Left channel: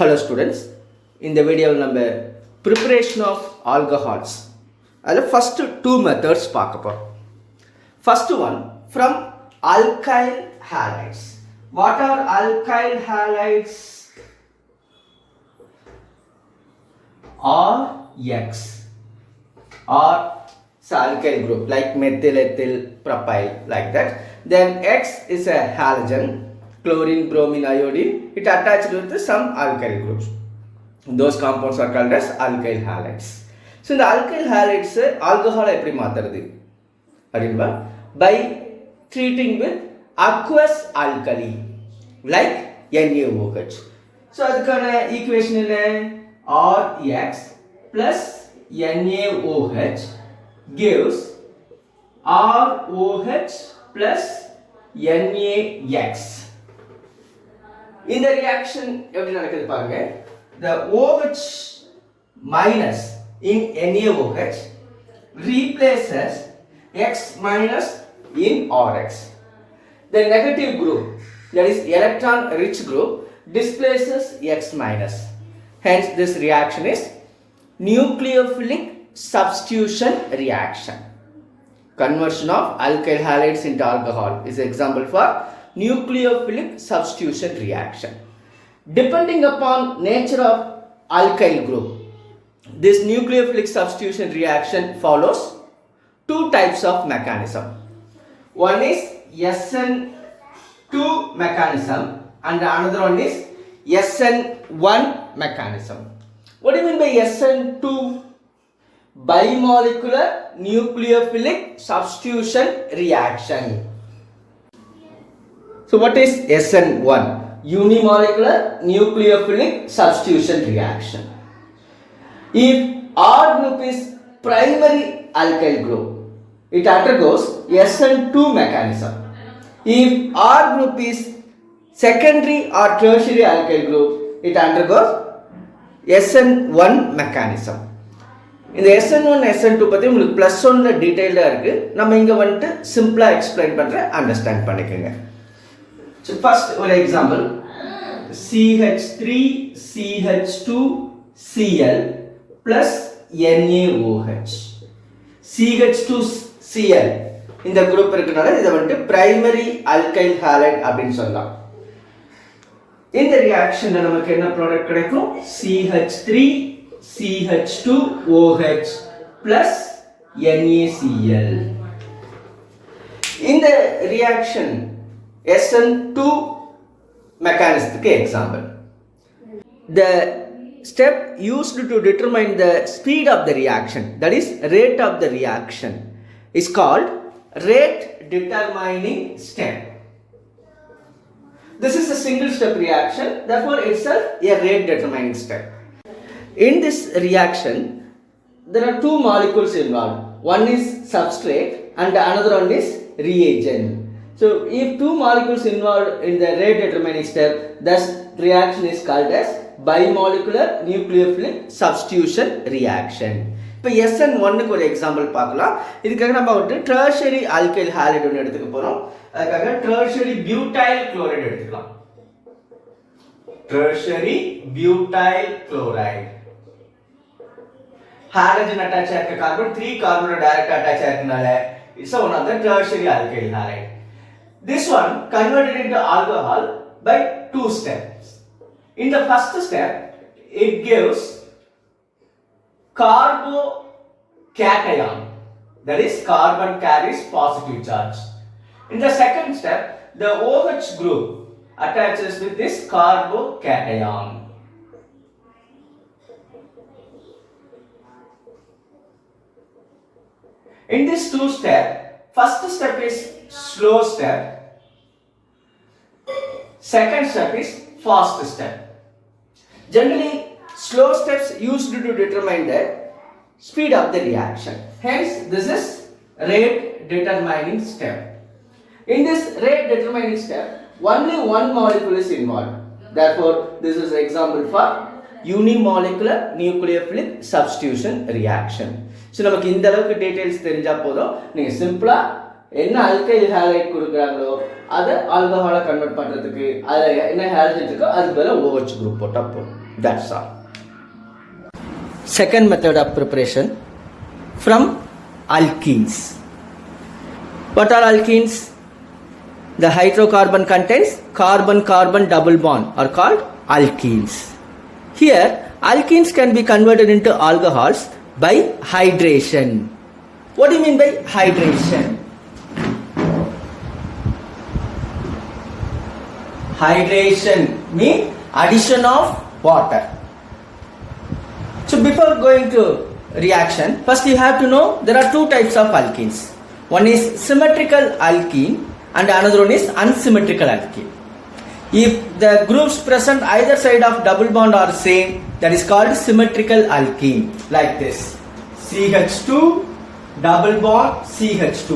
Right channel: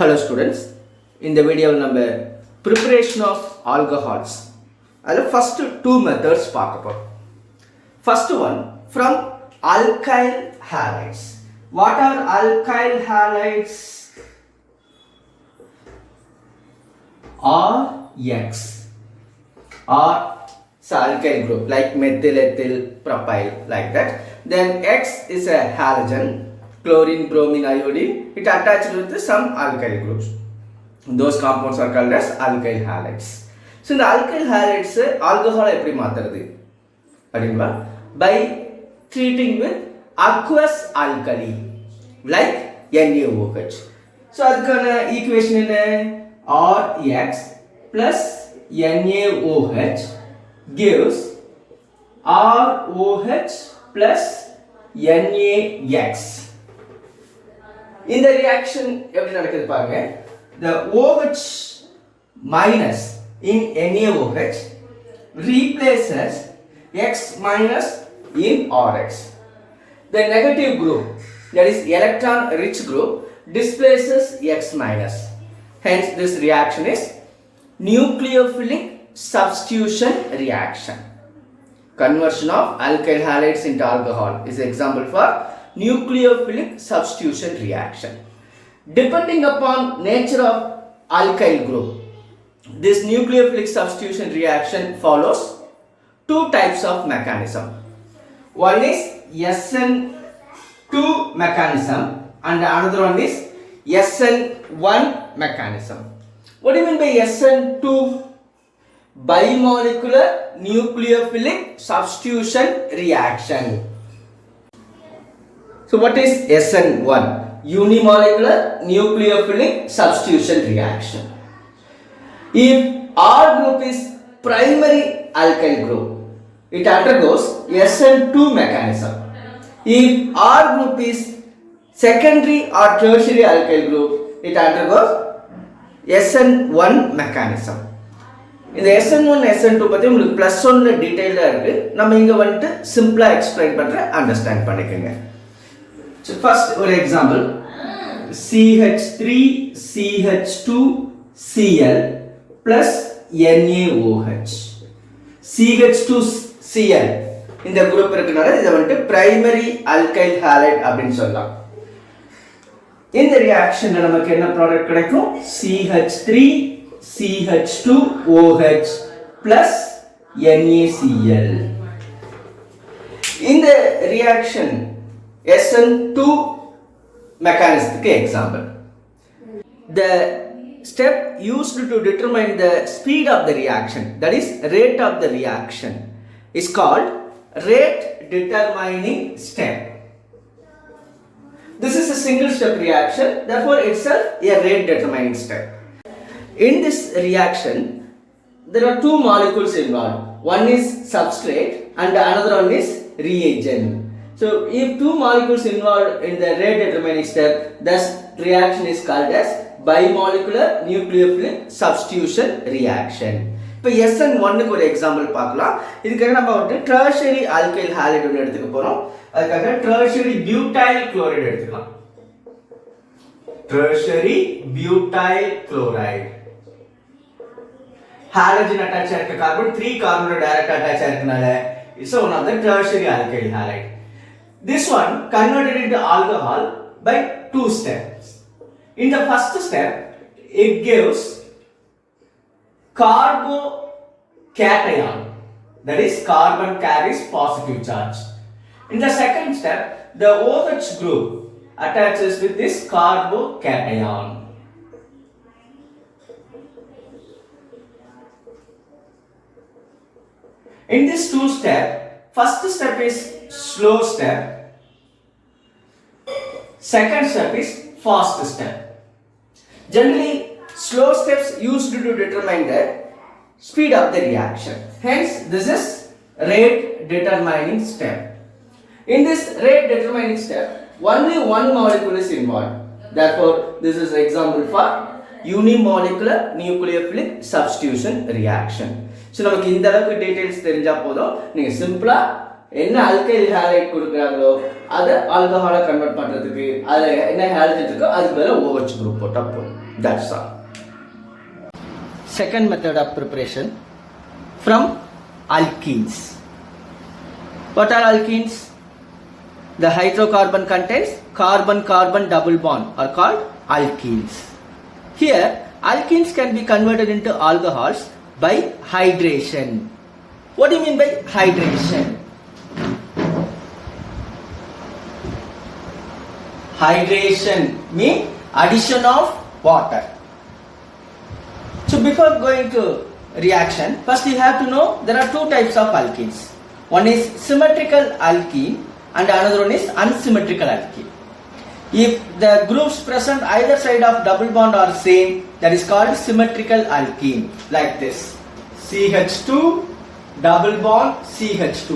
Hello students, in the video number preparation of alcohols. I'll first two methods பார்க்க போறோம். First one from alkyl halides. What are alkyl halides? RX or alkyl group like methyl, ethyl, propyl like that. Then X is a halogen. Chlorine, bromine, iodine, it attached with some alkyl groups. Those compounds are called as alkyl halides. So, the alkyl halides alcohol எப்படி மாத்துறது அப்படிங்களா by treating with aqueous alkali like NaOH. So, அதுக்கான equation என்ன RX plus NaOH gives ROH plus NaX. In the reaction எப்படி நடக்குது பாருங்க, the OH minus in NaOH replaces X minus in RX. The negative group, that is electron rich group, displaces X minus. Hence this reaction is nucleophilic substitution reaction. Conversion of alkyl halides into alcohol is an example for nucleophilic substitution reaction. Depending upon nature of alkyl group, this nucleophilic substitution reaction follows two types of mechanism. One is SN2 mechanism and another one is SN1 mechanism. What do you mean by SN2? Bimolecular nucleophilic substitution reaction. So what is SN1? Unimolecular nucleophilic substitution reaction. If R group is primary alkyl group, it undergoes SN2 mechanism. If R group is secondary or tertiary alkyl group, it undergoes SN1 mechanism. இந்த SN1 SN2 பத்தி உங்களுக்கு +1ல டீடைலா இருக்கு. நம்ம இங்க வந்து சிம்பிளா எக்ஸ்பிளைன் பண்றேன், அண்டர்ஸ்டாண்ட் பண்ணிக்கங்க. So first one example, CH3CH2Cl plus NaOH. CH2Cl இந்த குரூப் இருக்குனால இத வந்து பிரைமரி alkyl halide அப்படினு சொல்லலாம். இந்த ரியாக்ஷன்ல நமக்கு என்ன ப்ராடக்ட் கிடைக்கும்? CH3CH2OH plus NaCl. இந்த reaction SN2 mechanism example. The step used to determine the speed of the reaction, that is rate of the reaction, is called rate determining step. This is a single step reaction, therefore itself a rate determining step. In this reaction, there are two molecules involved. One is substrate and another one is reagent. So, if two molecules involved in the rate determining step, this reaction is called as bimolecular nucleophilic substitution reaction. இப்போ SN1க்கு ஒரு எக்ஸாம்பிள் பார்க்கலாம். இதுக்காக நம்ம ஒரு tertiary alkyl halide ஒன்று எடுத்துக்க போறோம். அதுக்காக tertiary butyl chloride எடுத்துக்கலாம். tertiary butyl chloride. halogen attach ஆயிருக்க கார்பன் 3 கார்பனோட டைரக்ட் அட்டாச் ஆயிருக்கனால it's one of the tertiary alkyl halide. This one converted into alcohol by two steps. In the first step, it gives carbocation, that is carbon carries positive charge. In the second step, the OH group attaches with this carbocation. In this two step, first step is slow step, second step is fast step. Generally, slow steps used to determine the speed of the reaction. Hence, this is rate determining step. In this rate determining step, only one molecule is involved. Therefore, this is an example for unimolecular nucleophilic substitution reaction. So, நமக்கு இந்த அளவுக்கு டீடைல்ஸ் தெரிஞ்சா போதும், நீங்க சிம்பிளா என்ன alkyl halide கொடுக்குறாங்களோ அதை ஆல்கஹாலா கன்வெர்ட் பண்றதுக்கு அதுல என்ன ஹாலஜன் இருக்கோ அதுக்கு பதிலா OH group போட்டா போதும். That's all. Second method of preparation from alkenes. What are alkenes? The hydrocarbon contains carbon-carbon double bond are called alkenes. Here, alkenes can be converted into alcohols by hydration. What do you mean by hydration? Hydration means addition of water. So before going to reaction, first you have to know there are two types of alkenes. One is symmetrical alkene and another one is unsymmetrical alkene. If the groups present either side of double bond are same, that is called symmetrical alkene, like this. CH2 double bond CH2.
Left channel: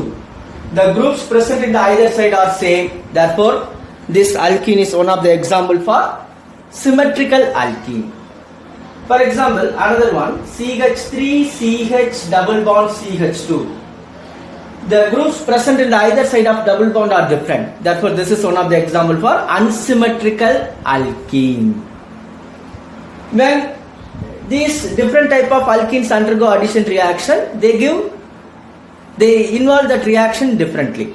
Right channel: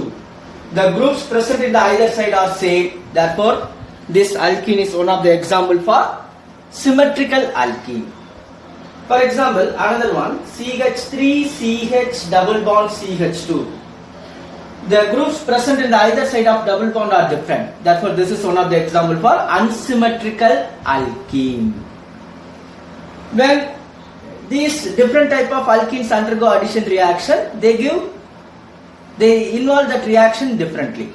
The groups present in the either side are same, therefore this alkene is one of the example for symmetrical alkene. For example, another one, CH3CH double bond CH2. The groups present in the either side of double bond are different. Therefore, this is one of the example for unsymmetrical alkene. When these different type of alkenes undergo addition reaction, they involve that reaction differently.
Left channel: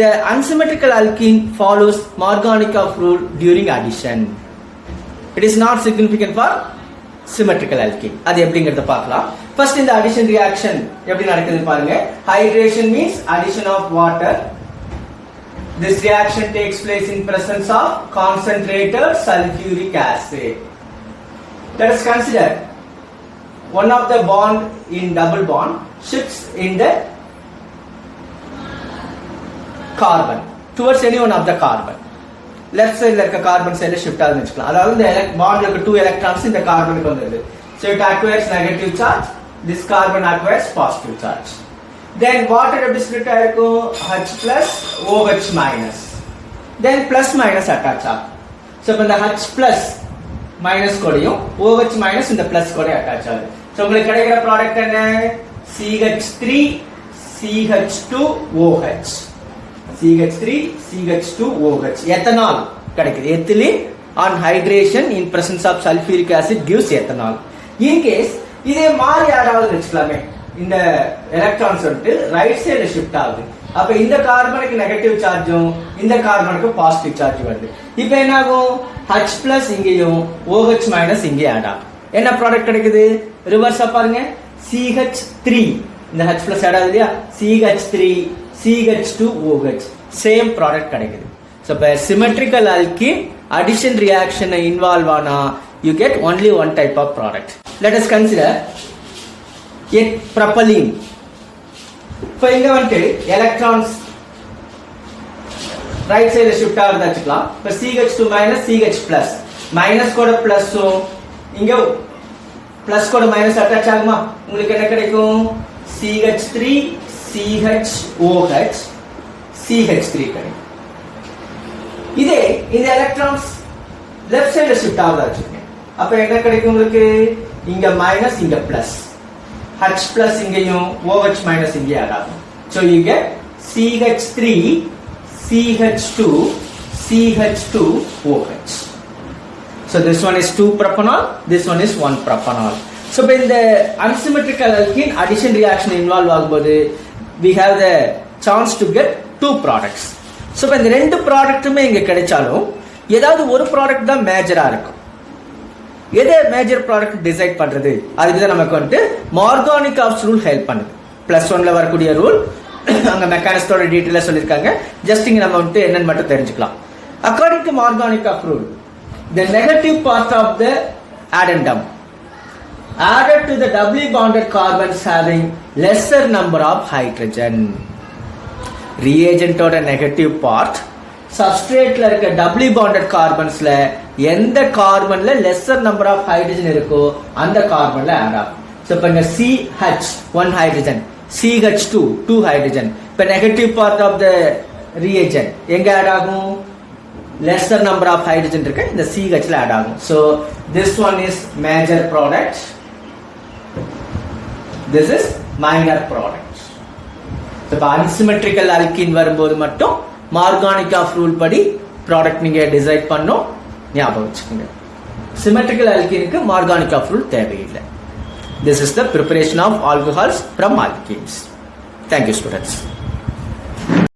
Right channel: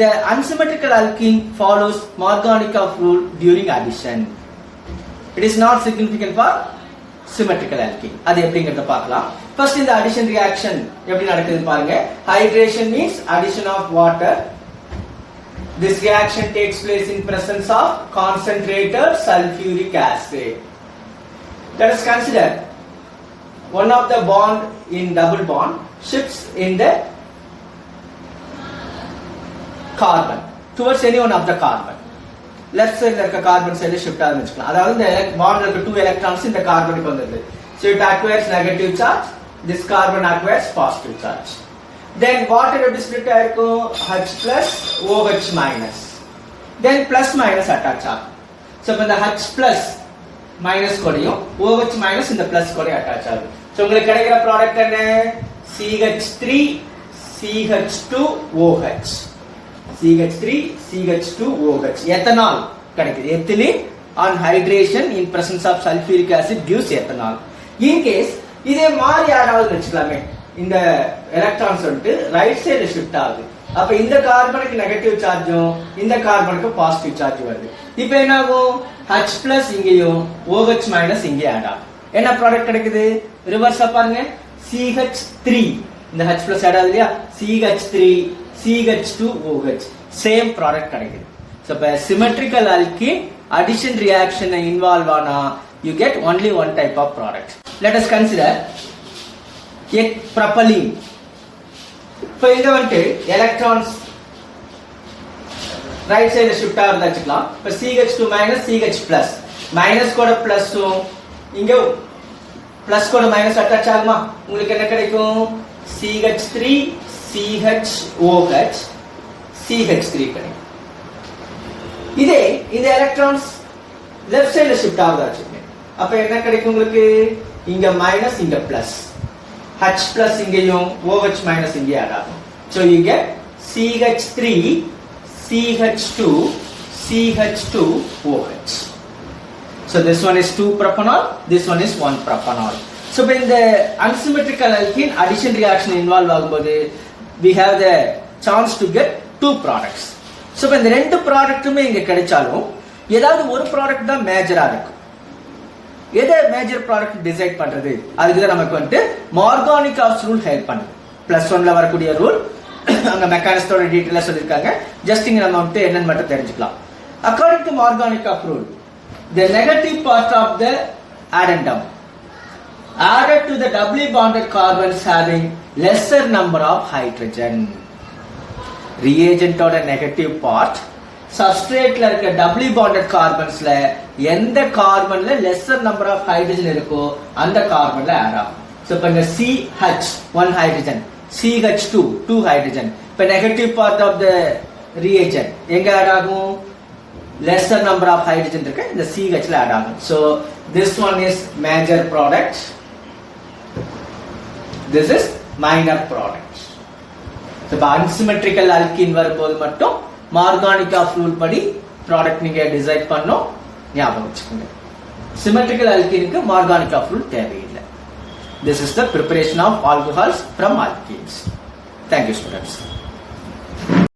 The unsymmetrical alkene follows Markovnikov rule during addition. It is not significant for symmetrical alkene. அது எப்படிங்கறத பார்க்கலாம். First in the addition reaction எப்படி நடக்குதுன்னு பாருங்க. Hydration means addition of water. This reaction takes place in presence of concentrated sulfuric acid. Let us consider one of the bond in double bond shifts in the carbon towards any one of the carbon. Left side இருக்க carbon side shift ஆகுதுன்னு வெச்சுக்கலாம். அதாவது இந்த bond இருக்க 2 electrons இந்த கார்பனுக்கு வந்திருது. So it acquires negative charge, this carbon acquires positive charge. Then water எப்படி split ஆயிருக்கும்? H plus OH minus. Then plus minus attach ஆகும். So இப்ப இந்த H plus minus கூடயும் OH minus இந்த plus கூடயும் attach ஆகுது. So உங்களுக்கு கிடைக்கிற ப்ராடக்ட் என்ன? CH3 CH2OH. CH3 CH2OH. Ethanol கிடைக்குது. Ethylene on hydration in presence of sulfuric acid gives ethanol. In case இதே மாதிரி யாராவது வெச்சுக்கலாமே, இந்த எலக்ட்ரான்ஸ் வந்து ரைட் சைடு ஷிஃப்ட் ஆகுது. அப்ப இந்த கார்பனுக்கு நெகட்டிவ் சார்ஜும் இந்த கார்பனுக்கு பாசிட்டிவ் சார்ஜ் வருது. இப்போ என்ன ஆகும்? H plus இங்கேயும் OH minus இங்கே ஆட் ஆகும். என்ன ப்ராடக்ட் கிடைக்குது? ரிவர்ஸா பாருங்க. CH3 இந்த H plus ஆட் ஆகுது இல்லையா? CH3 CH2OH சேம் ப்ராடக்ட் கிடைக்குது. So by symmetrical alkene addition reaction involve ஆனா you get only one type of product. Let us consider a propylene. இப்போ இங்க வந்து electrons right side shift ஆகுது வெச்சுக்கலாம். இப்போ CH2 minus CH plus minus கூட பிளஸும் இங்க பிளஸ் கூட மைனஸ் அட்டாச் ஆகுமா? உங்களுக்கு என்ன கிடைக்கும்? CH3 CHOH CH3 கிடைக்கும். இதே இந்த எலக்ட்ரான்ஸ் லெஃப்ட் சைடுல ஷிஃப்ட் ஆகுது. அப்ப என்ன கிடைக்கும் உங்களுக்கு? இங்க மைனஸ் இங்க பிளஸ், H plus இங்கேயும் OH minus இங்கே ஆகும். So you get CH3 CH2 CH2OH. So this one is 2 propanol, this one is 1 propanol. So when the unsymmetrical alkene addition reaction involve ஆகும்போது we have the chance to get 2 products. So when இந்த ரெண்டு ப்ராடக்ட்டுமே இங்க கிடைச்சாலும் ஏதாவது ஒரு ப்ராடக்ட் தான் மேஜரா இருக்கும். எதை மேஜர் ப்ராடக்ட் டிசைட் பண்றது? அதுக்கு தான் நமக்கு வந்து மார்கானிகாவ்ஸ் ரூல் ஹெல்ப் பண்ணுது. +1ல வரக்கூடிய ரூல் அங்க மெக்கானிஸ்டோட டீடைலா சொல்லிருக்காங்க. ஜஸ்ட் இங்க நம்ம வந்து என்னன்னு மட்டும் தெரிஞ்சுக்கலாம். According to Markovnikov rule, the negative part of the addendum added to the doubly bonded carbons having lesser number of hydrogen. Reagent oda negative part substrate la irukka doubly bonded carbons la எந்த கார்பன்ல lesser number of hydrogen இருக்கோ அந்த கார்பன்ல add ஆகும். So இப்ப CH 1 hydrogen, CH2 2 hydrogen. இப்ப negative part of the reagent எங்க add ஆகும்? lesser number of hydrogen இருக்கு, இந்த CH ல add ஆகும். So this one is major product, this is minor product. இப்போ அன்சிமெட்ரிக்கல் அல்கின் வரும்போது மட்டும் மார்கானிக் ரூல் படி ப்ராடக்ட் நீங்க டிசைட் பண்ணும், ஞாபகம் வச்சுக்கோங்க. சிமெட்ரிக்கல் அல்கினுக்கு மார்கானிக் ரூல் தேவையில்லை. This is the preparation of alcohols from alkenes. Thank you, students.